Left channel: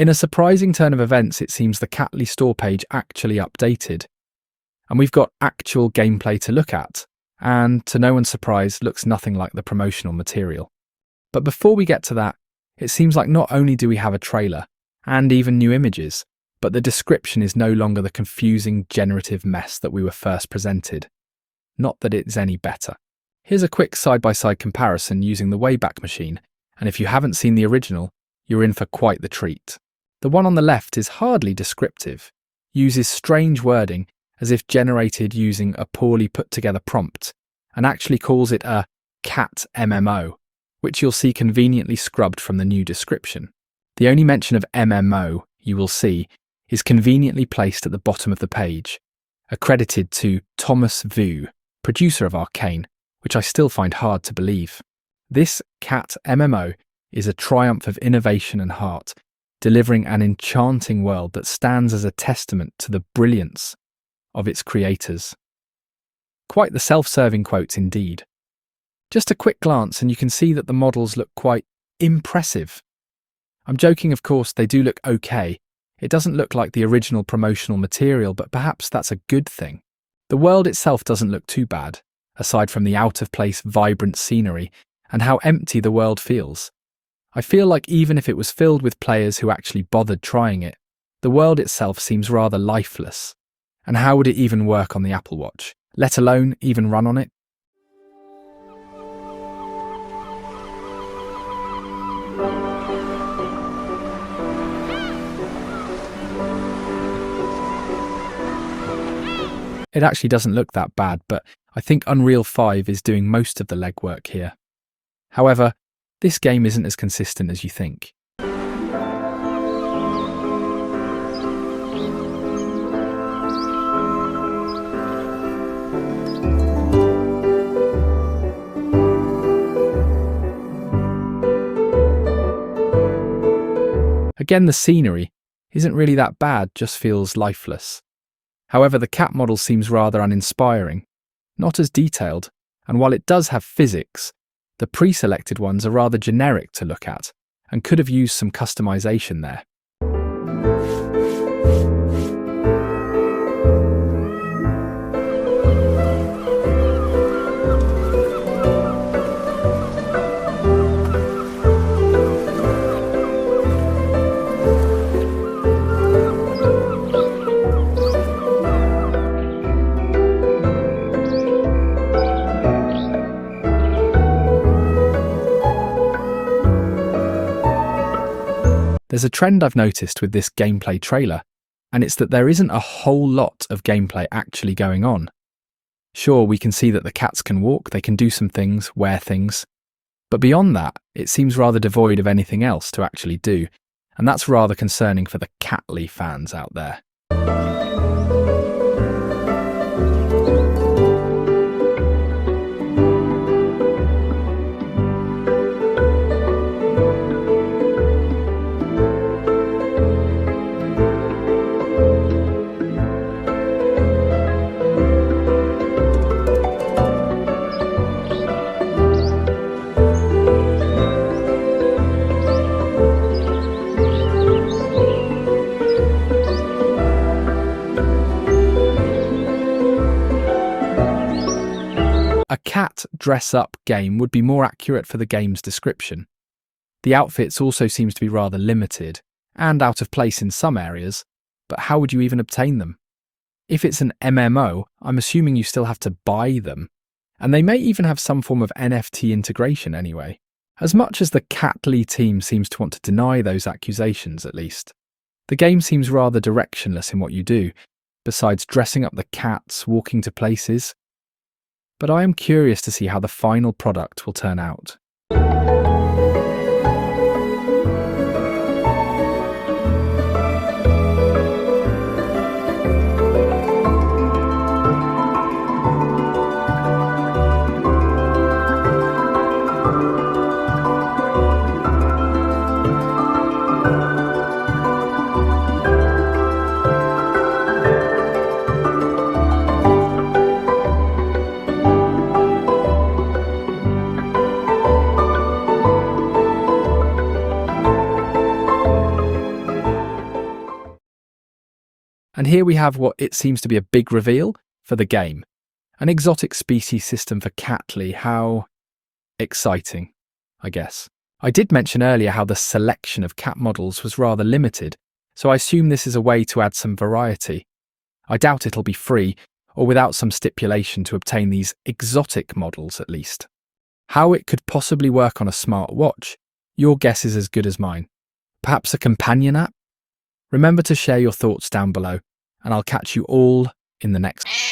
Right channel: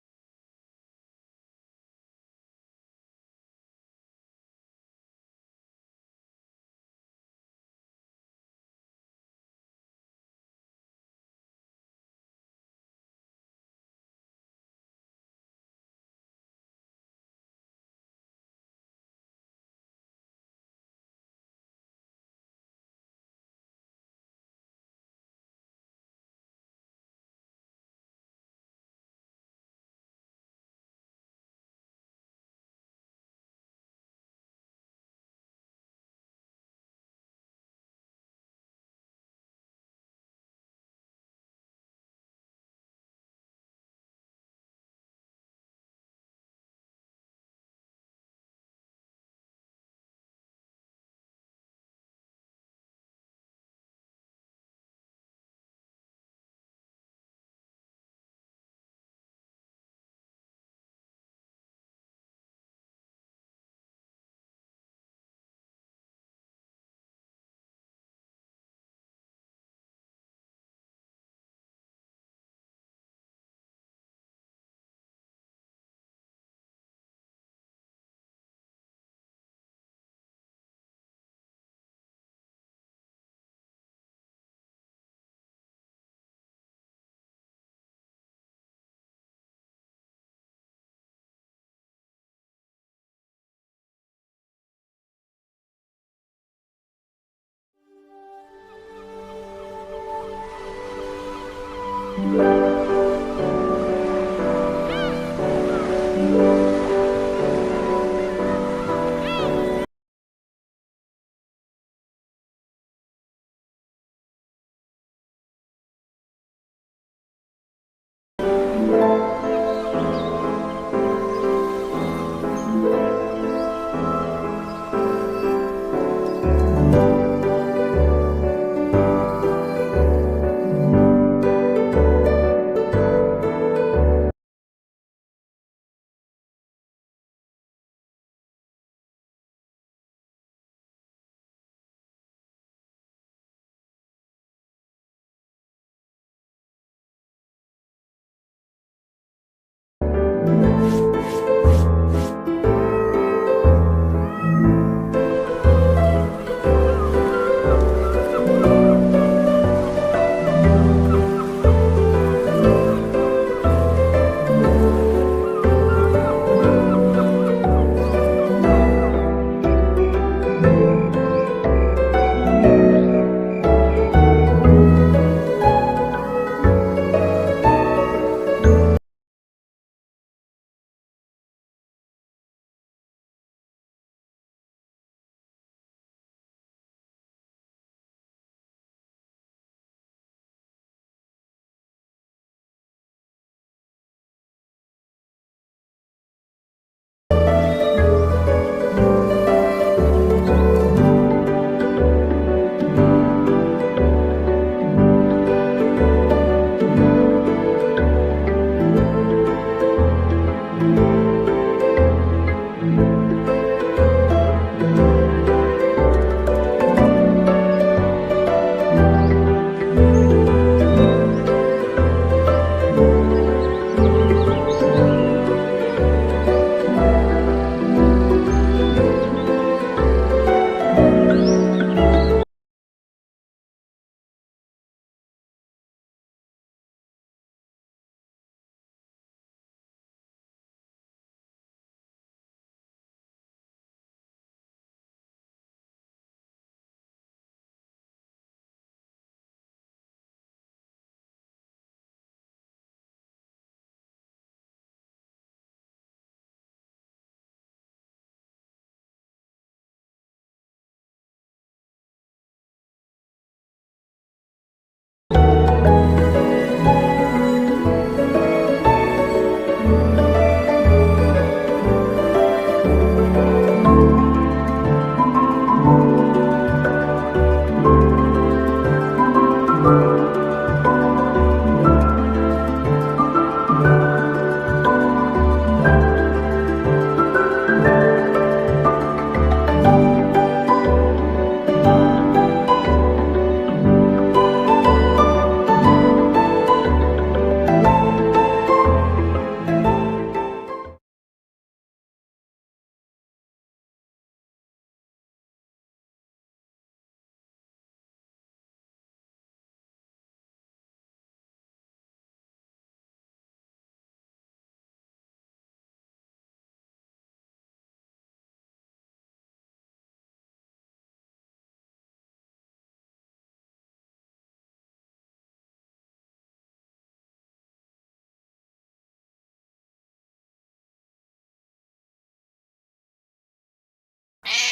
In a surprising turn of events, it seems the Catly store page actually updated, and we've got actual gameplay to look at, and to no one's surprise, looks nothing like the promotional material. But before we get to that, it seems like not only do we have a trailer, and even new images, but the description is no longer the confusing generative mess that we were first presented. Not that it's any better. Here's a quick side-by-side comparison using the Wayback Machine, and if you haven't seen the original, you're in for quite the treat. The one on the left is hardly descriptive, uses strange wording as if generated using a poorly put together prompt, and actually calls it a cat MMO, which you'll see conveniently scrubbed from the new description. The only mention of MMO you will see is conveniently placed at the bottom of the page, accredited to Thomas Vu, producer of Arcane, which I still find hard to believe. This cat MMO is a triumph of innovation and heart, delivering an enchanting world that stands as a testament to the brilliance of its creators. Quite the self-serving quotes indeed. Just a quick glance and you can see that the models look quite impressive. I'm joking, of course, they do look okay. It doesn't look like the original promotional material, but perhaps that's a good thing. The world itself doesn't look too bad, aside from the out-of-place vibrant scenery and how empty the world feels. I feel like even if it was filled with players who actually bothered trying it, the world itself seems rather lifeless. And how would it even work on the Apple Watch, let alone even run on it? It actually doesn't look that bad, but I think Unreal 5 is doing most of the legwork here. However, this game isn't as consistent as you think. Again, the scenery isn't really that bad, just feels lifeless. However, the cat model seems rather uninspiring, not as detailed, and while it does have physics, the pre-selected ones are rather generic to look at, and could have used some customization there. There's a trend I've noticed with this gameplay trailer, and it's that there isn't a whole lot of gameplay actually going on. Sure, we can see that the cats can walk, they can do some things, wear things, but beyond that, it seems rather devoid of anything else to actually do, and that's rather concerning for the Catly fans out there. A cat dress-up game would be more accurate for the game's description. The outfits also seems to be rather limited, and out of place in some areas, but how would you even obtain them? If it's an MMO, I'm assuming you still have to buy them, and they may even have some form of NFT integration anyway. As much as the Catly team seems to want to deny those accusations at least, the game seems rather directionless in what you do, besides dressing up the cats, walking to places. But I am curious to see how the final product will turn out. And here we have what it seems to be a big reveal for the game. An exotic species system for Catly. How exciting, I guess. I did mention earlier how the selection of cat models was rather limited, so I assume this is a way to add some variety. I doubt it'll be free, or without some stipulation to obtain these exotic models at least. How it could possibly work on a smart watch, your guess is as good as mine. Perhaps a companion app? Remember to share your thoughts down below, and I'll catch you all in the next